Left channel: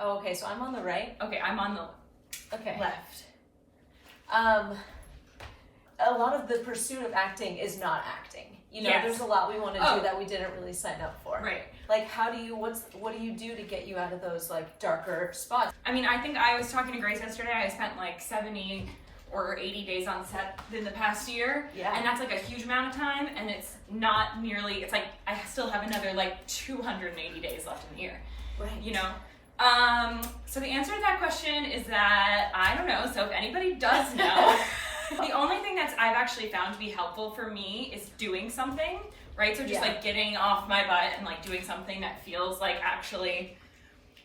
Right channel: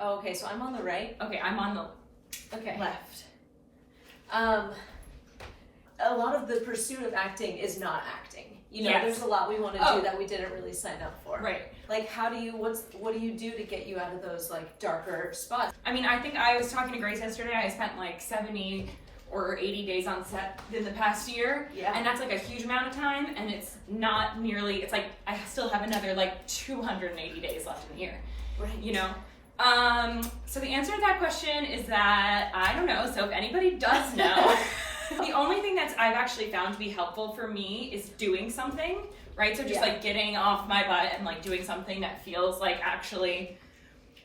Oh, okay, so I'm on the right. Okay, I'm on the left. A lot of the pursuit of acting is not acting. You know, there's a lot we want to do that we didn't really sign up for. Right. Like, what do you do to get you out of those, like, darker spots? I mean, I think I was talking to Grace yesterday. I spent like 70 or 80 days on set in the past year. Yeah. And that's like a huge amount of time, and it's not nearly, it's like I still have another like 280 days left in the year. Right. You know? So the answer to that question is that I don't know. So if anybody does know, the only thing I've actually found to be helpful for me is doing something, right? So just like getting off my butt and like doing something that feels like actually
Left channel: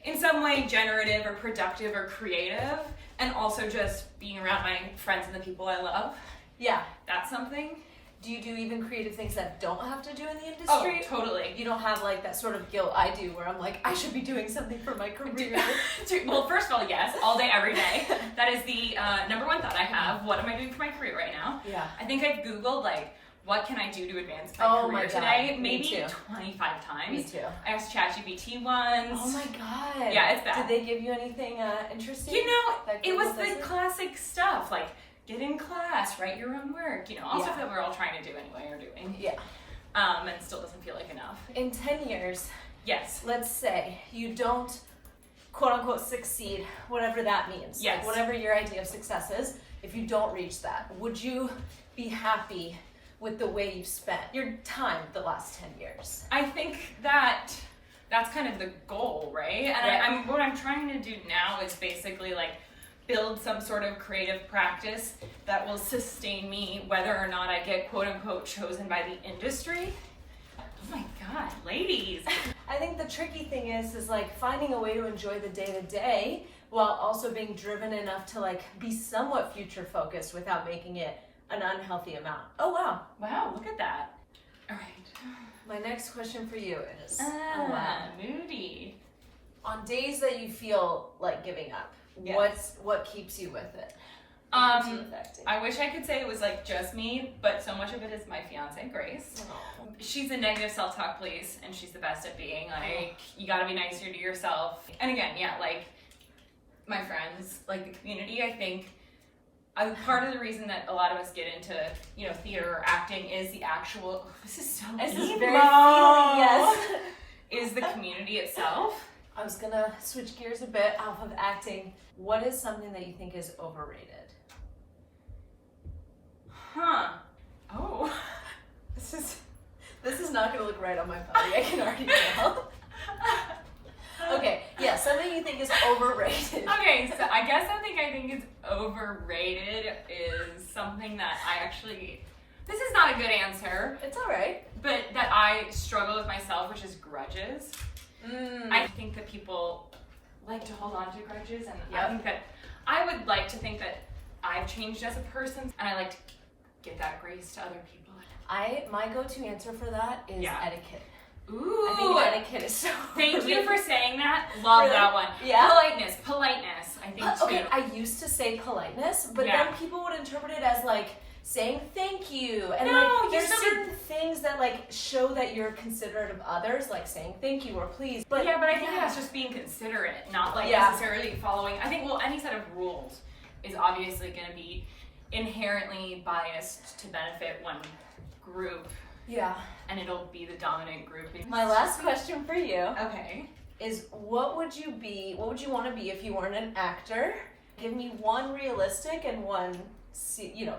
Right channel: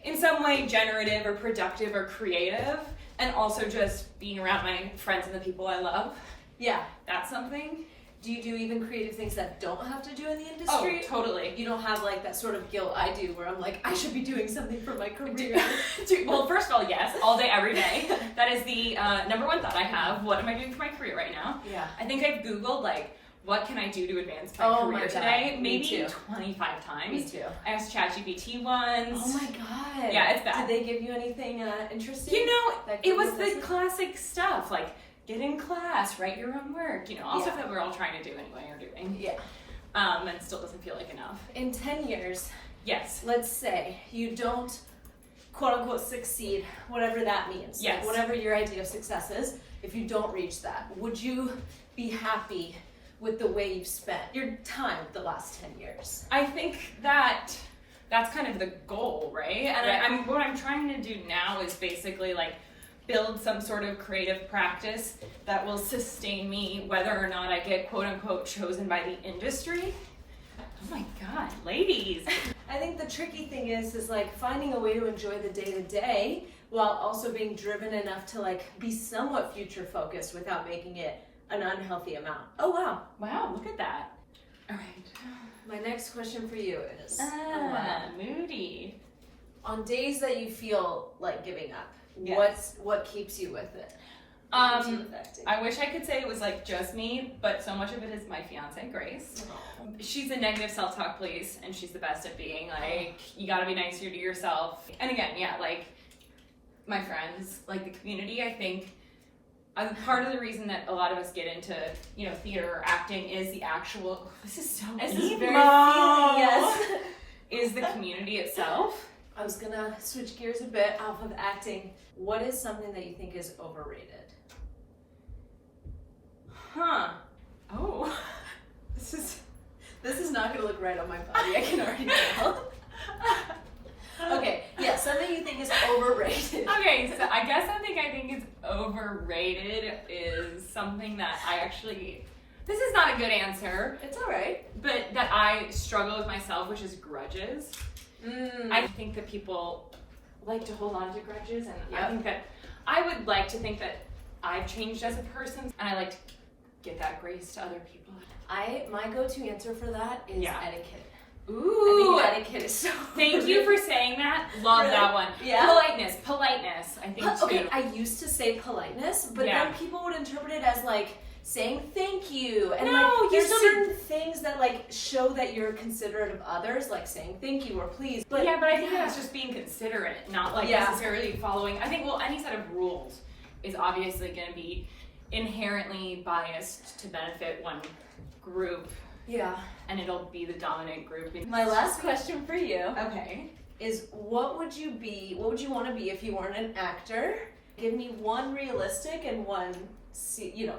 in some way generative or productive or creative, and also just being around my friends and the people I love. Yeah. That's something. Do you do even creative things that don't have to do in the industry? Oh, totally. You don't have like that sort of guilt I do where I'm like, I should be doing something for my career. Well, first of all, yes, all day, every day. That is the number one thought I have. What am I doing for my career right now? Yeah. I think I've Googled like, what can I do to advance my career my God. today? Me Maybe too. 25 times. Me too. I asked ChatGPT once. Oh my God. Yeah, it's bad. Did they give you anything interesting? You know, that it was Google the doesn't? classic stuff, like get in class, write your own work, you know, all Yeah. stuff that we're all trying to do anyway or doing. Yeah. And still doesn't feel like enough. In 10 years, Yes. let's say you don't quote unquote succeed, whatever that means. Yes. Like, whatever your idea of success is, if you don't reach that, would you be happy with the way you've spent your time the last 10 years? I think that's kind of the goal, right? And what I'm trying to do now is basically like build some sort of creative practice that will sustain me whether or not I get quote unquote chosen by the industry. Oh my God, ladies. I think the tricky thing is like finding a way to enjoy the day to day while also being driven enough to like be somewhat future focused without making it an unhealthy amount. Oh wow. Wow, look at that. All right. My next question for you is, moody. On days that you feel like giving up, Yes. what keeps you with it? What keeps you with acting? I wish I could say it was like just me, but so much of it is my fiance, Grace. Oh. She's a negative self-talk police, and she's the best at being like, you gotta be nicer to yourself. And again, yeah, like my friends, like the community, I think part of the reason that a lot of us get into, you know, theater or acting is the actual, this is so This emo. is very feeling, yes. Is the community itself. I was gonna switch gears a bit off of acting. What is something that you think is overrated? Huh. Oh. This is not gonna look right on my body, I can already tell. Okay, yeah, something you think is overrated. Okay, so I guess something I think is overrated is something that I actually, this is not a good answer, It's alright. but that I struggle with myself, which is grudges. I think that people like to hold on to grudges, and I think that I would like to think that I've changed as a person, and I like to get that grace to other people. My go-to answer for that is etiquette. Ooh, I think etiquette is so thank you for saying that. Love Really? that one. Yeah. Politeness, I think too. Okay, I used to say politeness, but Yeah. then people would interpret it as like saying thank you. And No, like you there's still certain things that like show that you're considerate of others, like saying thank you or please. But Yeah, but I think that's just being considerate, not like necessarily following. I think, well, any set of rules is obviously going to be inherently biased to benefit one group, yeah. and it'll be the dominant group. My last question for you Okay. is what would you want to be if you weren't an actor? Give me one realistic and one,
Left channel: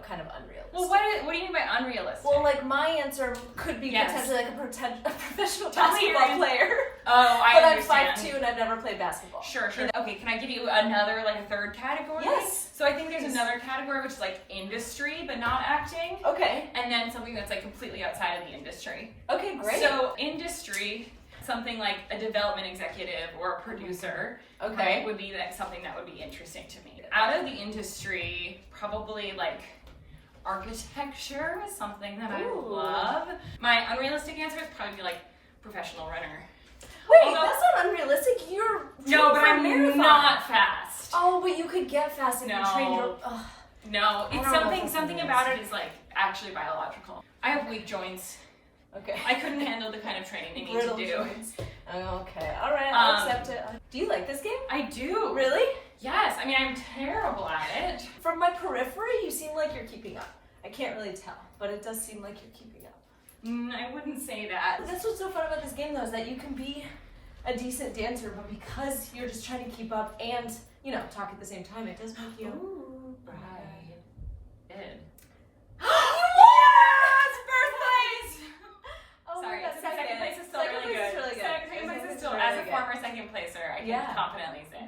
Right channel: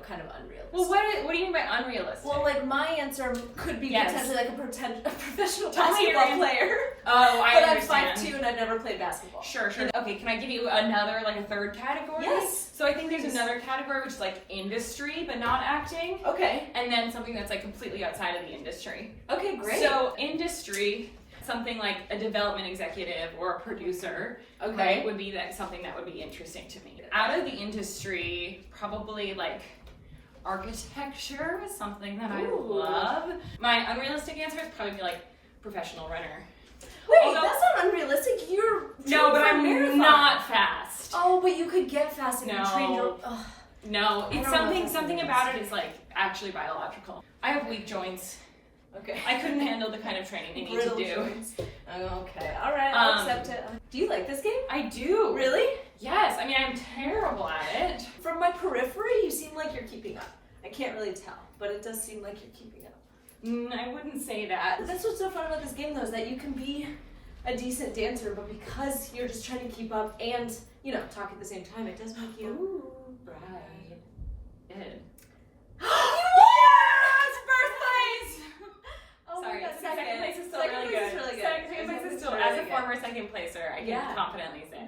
kind of unrealistic. Well, what do you mean by unrealistic? Well, like my answer could be Yes. potentially like a professional Tell me your basketball answer. player. Oh, I But I'm understand. 5'2" and I've never played basketball. Sure. Okay, can I give you another, like a third category? Yes. So I think there's another category which is like industry, but not acting. Okay. And then something that's like completely outside of the industry. Okay, great. So industry, something like a development executive or a producer, okay. right, would be like something that would be interesting to me. Out of the industry, probably like architecture is something that I love. My unrealistic answer is probably be like professional runner. Wait, Although- that's not unrealistic. You're No, but I'm marathon. not fast. Oh, but you could get fast if No. you train your. Oh. No, it's I don't know what something this about means. it is like actually biological. I have weak joints. Okay. I couldn't handle the kind of training they need to Brittle do. joints. Okay, all right, I'll accept it. Do you like this game? I do. Really? Yes. I mean, I'm terrible at it. From my periphery, you seem like you're keeping up. I can't really tell, but it does seem like you're keeping up. I wouldn't say that. That's what's so fun about this game, though, is that you can be a decent dancer, but because you're just trying to keep up and, you know, talk at the same time, it does make you... Ooh, right. It. Yes! First place! Oh, Sorry, we got second place is still Second really place good. is really good. Second place is still, really as a good. former second placer, I can Yeah. confidently say.